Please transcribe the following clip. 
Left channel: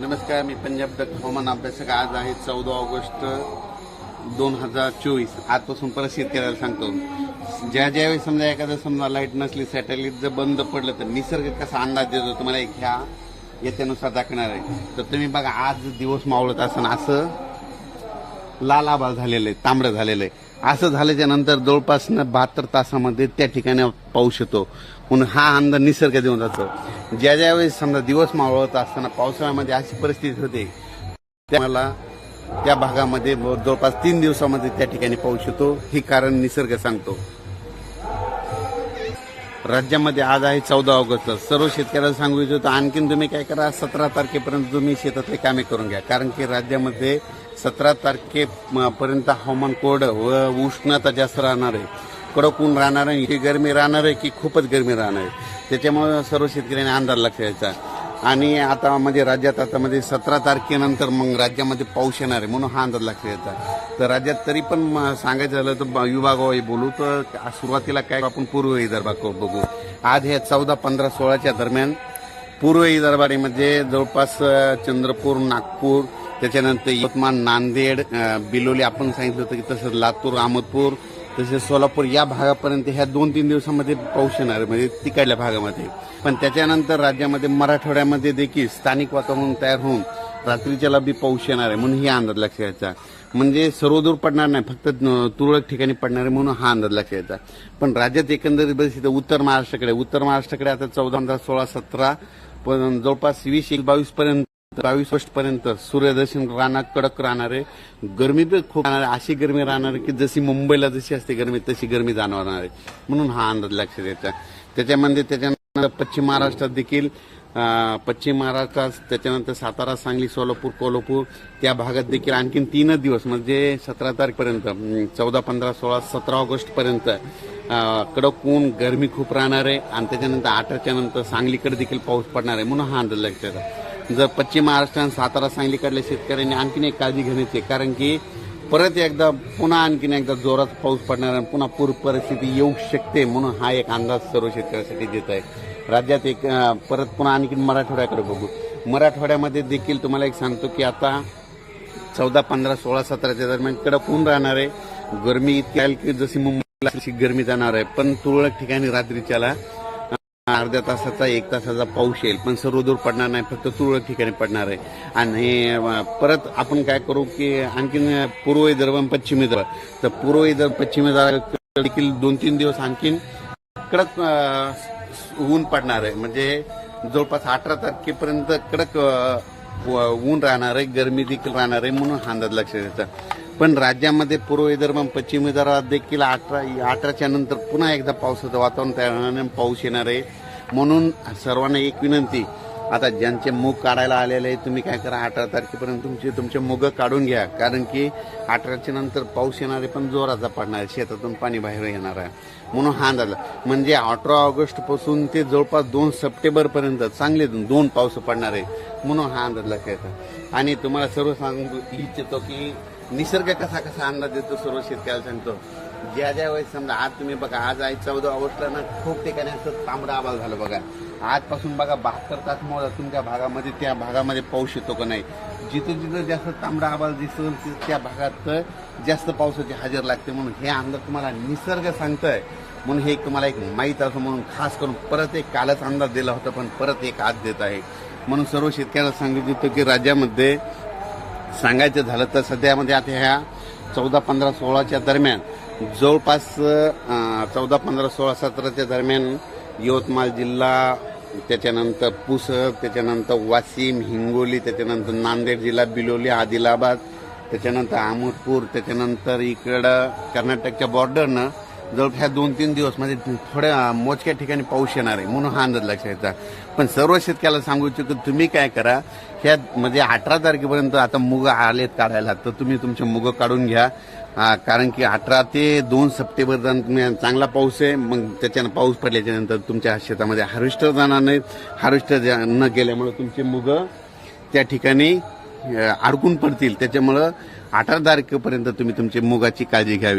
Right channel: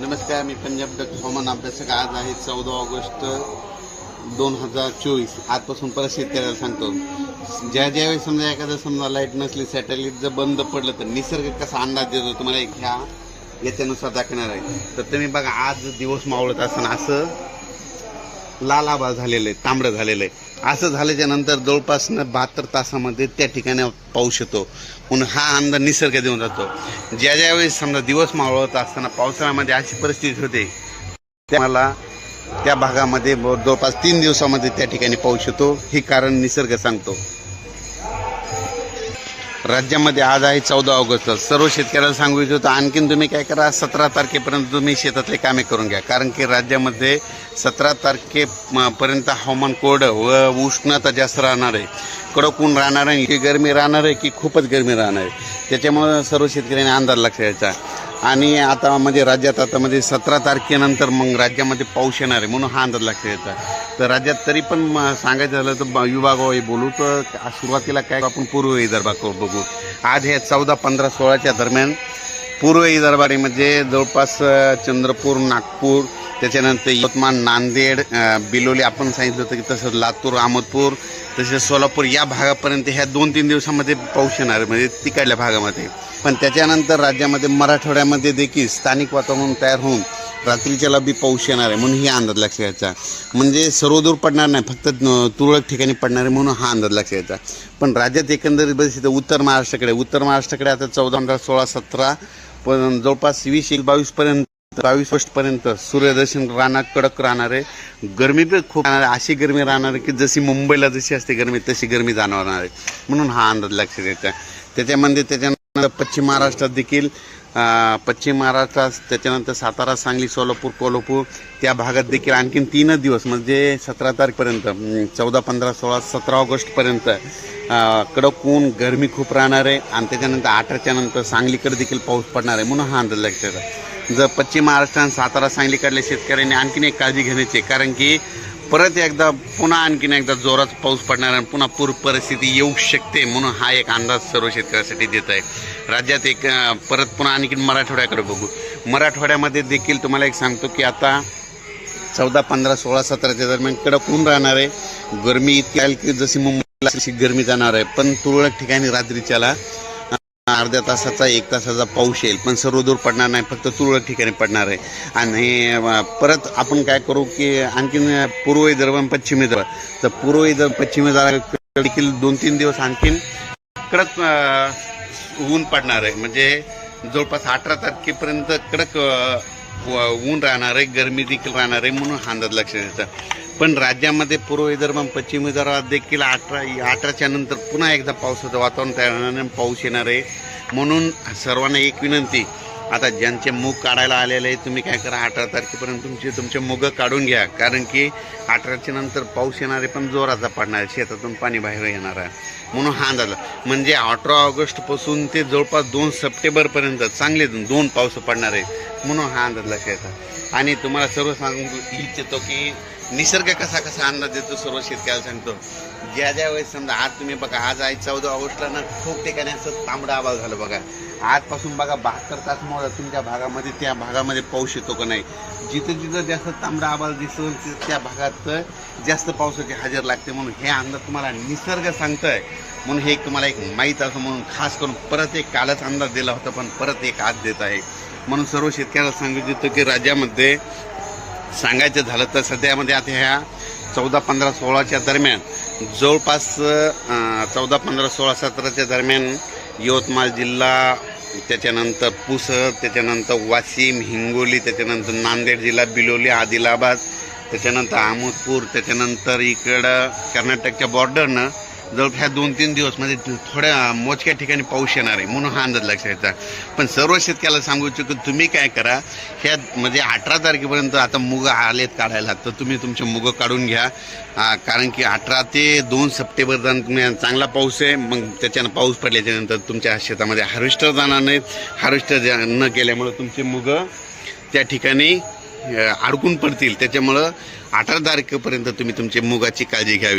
नमस्कार, मी पंजाब डक हवामान अभ्यासक. आज आहे 14 ऑगस्ट 2024. आजपासून परत शेतकऱ्याला सांगतो, ज्यावेळी समजा एखादं समजा लाईट नसली, सॅटेलाइट जर बंद पडलं तर निसर्ग कसा अंदाज देतो तुम्हाला ह्या याच्यानुसार दाखवणार आहे. तर तुम्ही बघा, आज दिवस मावळत असताना असं लाल आभाळ झालेलं आहे, तांबडं झालेलं आहे. असं झाल्याच्या नंतर जवळपास 72 तासामध्ये त्या ठिकाणी पाऊस येतो. म्हणून हा अंदाज निसर्ग देऊन जातो. ज्यावेळेस समजा दिवस मावळत असताना पावसाळ्यामध्ये अशी परिस्थिती होते, त्याला त्या भागामध्ये जवळपास 3 दिवसामध्ये त्या ठिकाणी पाऊस येतो. हे कारण निसर्ग सांगतो. राज्यामध्ये आज आहे 14 ऑगस्ट. सर्व शेतकऱ्याला सांगू इच्छितो, आणखीन तुम्ही काय करा, 17 तारखेपर्यंत तुम्ही शेतातले कामे करून घ्या. कारण की राज्यामध्ये 17 तारखेपर्यंत हवामान कोरडं व उष्णता जास्त राहणार आहे. कडक ऊन राहणार आहे, की गरमी राहणार आहे, की खूपच गरमी राहणार आहे. त्याच्यामुळे सर्व शेतकऱ्यांनी अंदाज लक्षात घ्यायचा. आणि आता म्हणजे राज्यात आता म्हणजे 17 तारखेनंतर मग राज्यामध्ये पाऊस येणार आहे, म्हणून हा अंदाज लक्षात घ्यायचा. तर राज्यात तरी पण सांगायचं झालं तर विभागावाही बोलू तर सुरुवातीला काय आपण पूर्व विदर्भात बघू. आज हे 14, 15, 16च्या दरम्यान पूर्व विदर्भामध्ये जवळपास चंद्रपूर, नागपूर, त्याच्यानंतर यवतमाळ, नांदेड, बिलोली आपण सांगितलं होतं की तसंच लातूर, अहमदपूर, तसेच सोलापूर या भागापर्यंत ह्या 2-3 दिवसामध्ये पाऊस येणार म्हणजे तिकडल्या भागामध्ये. पण त्याच्यानंतर राज्यामध्ये मराठवाड्यामध्ये देखील स्थानिक वातावरण तयार होऊन रात्रीच्याला बी पाऊस येणार आहे, म्हणून ही अंदाज लक्षात घ्यायचा. म्हणजे सर्वदूर पडणार नाही, फक्त तुरळक ठिकाणी पडणार आहे, म्हणून हा अंदाज लक्षात घ्यायचा. पण राज्यात एकंदरीत बघितलं उत्तर महाराष्ट्राकडे आता 14, 15, 16, 17 पण जवळपास 20-22 पर्यंत 22 पर्यंत सूर्यदर्शन राहणार, कडक राहणार आहे. गरमी पण खूप राहणार आहे. अशी गरमी राहणार आहे की जशी मुंबईला जशी असते गरमी तशी गरमी जाणवणार आहे, म्हणून हा अंदाज लक्षात घ्यायचा. त्याच्यानंतर पश्चिम महाराष्ट्रात देखील पश्चिम महाराष्ट्रात, त्याच्यानंतर सातारा, सांगली, सोलापूर, कोल्हापूर त्या भागात देखील आणखीन 3 दिवस म्हणजे 17 तारखेपर्यंत 14, 15, 16, 17 ऑगस्टपर्यंत कडक ऊन, गरमी खूप राहणार आहे. आणि त्याच्यानंतर 18च्या नंतर सांगलीकडे देखील पाऊस पडणार आहे, म्हणून हा अंदाज लक्षात घ्यायचा. जर पश्चिम महाराष्ट्र आणि सातारा, सांगलीकडल्या शेतकऱ्यांनी आणखीन एक काळजी घेण्याची, कारण की परत एकदा पुन्हा आणखीन एकदा जोरात पाऊस पडणार आणि पुन्हा पूर परिस्थिती येऊ शकते, म्हणून हा एक अंदाज सर्व शेतकऱ्यांसाठी देत आहे. राज्यात एक परत पुन्हा आणखीन मराठवाड्याकडे बघू. मराठवाड्यामध्ये देखील तुम्हाला एक सांगतो की आता 14, 15, 16, 17च्या दरम्यान कडक ऊन राहणार आहे. गरमी इतकी आहे की जशी मुंबईला अशी गरमी जाणार आहे. पण तुरळक ठिकाणी रात्रीच्याला अर्ध्या तासाचा 1 तासाचा पाऊस येईल, पण सर्वदूर पडणार नाही, फक्त तुरळक ठिकाणी पडणार आहे. आणि परत आपण काय करू की आणखीन पूर्व विदर्भ आणि पश्चिम विदर्भ, तर पूर्व विदर्भ, पश्चिम विदर्भ देखील 2-3 दिवस आणखीन कडक ऊन पडणार आहे. म्हणजे जवळपास 18 तारखेपर्यंत कडक ऊन राहणार आहे, गरमी देखील राहणार आहे, म्हणून हा अंदाज लक्षात घ्यायचा. पण राज्यामध्ये पूर्व विदर्भ आणि पश्चिम विदर्भात देखील 18च्या नंतर पुन्हा एकदा पावसाचं वातावरण तयार होणार आहे, पाऊस येणार आहे. म्हणून सर्वांना एक विनंती, आता ज्यांचे मूग काढायला आलेले आहे तुम्ही काय करा, 18 तारखेपर्यंत तुमचे मूग काढून घ्या. कारण की 18च्या नंतर पाऊस येणार आहे, पण जोराचा पडणार आहे, शेतातून पाणी बाहेर येणार आहे, म्हणून हा अंदाज. म्हणजे 18 ऑगस्टपासून ते जवळपास 2 सप्टेंबरपर्यंत चांगले 2 पाऊस पडणार आहे, म्हणून हा अंदाज लक्षात येतात. आणि तुम्हाला सर्व सांगू इच्छितो की निसर्ग कसा अंदाज देतो सर्व शेतकऱ्याला सांगतो. ज्या वेळेस समजा आज तुम्ही बघा, आज आहे 14 ऑगस्टला ना, खूप ठिकाणी असं तांबडं आभाळ झालं बघा. आजपासून बघा 72 तास मोडा तुमच्या भागामध्ये, त्या भागामध्ये पाऊस येतो का नाही. जिथं जास्त तांबडा आभाळ दिसतो त्या भागात जास्त पावसाची हजेरी लागते, म्हणून हे अंदाज तुम्हाला निसर्ग सांगतोय. म्हणून हे तुम्हाला एक माहीत असं म्हणून खास करून परत एक कालच अंदाज दिला होता, पण परत एक आज देत आहे. म्हणून सर्व शेतकऱ्यांना सांगितलं होतं की राज्यामध्ये सांगायचं झालं तर सध्यामध्ये आता ह्या 14, 15, 16च्या दरम्यान जवळपास 14, 15, 16, 17च्या दरम्यान यवतमाळ जिल्हा, त्याच्यानंतर पुसद, त्याच्यानंतर वाशिम, हिंगोली, त्याच्यानंतर नांदेड जिल्हा, बिलोली, आदिलाबाद, त्याच्यानंतर अहमदपूर, त्याच्यानंतर इकडं कर्नाटकच्या बॉर्डरनं जवळ ह्या 2-3 दिवस म्हणजे थोड्या मोजक्या ठिकाणी पाऊस येणार आहे, म्हणून हा अंदाज लक्षात घ्यायचा. पण सर्व शेतकऱ्याला सांगू इच्छितो की तुम्ही काय करा, ह्या म्हणजे 18 तारखेपर्यंत आता मुग आलेत काढायला, तर तुम्ही तुमचे मुग काढून घ्या. कारण की 18 ते 2 सप्टेंबर दरम्यान चांगला पाऊस आहे. मग त्याच्यानं पाऊस पडल्याच्यानंतर तुमच्या शेतामध्ये हार्वेस्टर जाणार नाहीत. हार्वेस्टर न गेल्यामुळं तुमचे मुग त्या ठिकाणी अडकून पडतील. त्याच्यामुळं 18 तारखेपर्यंत तुम्ही तुमची मुगाची काळजी घ्यावी.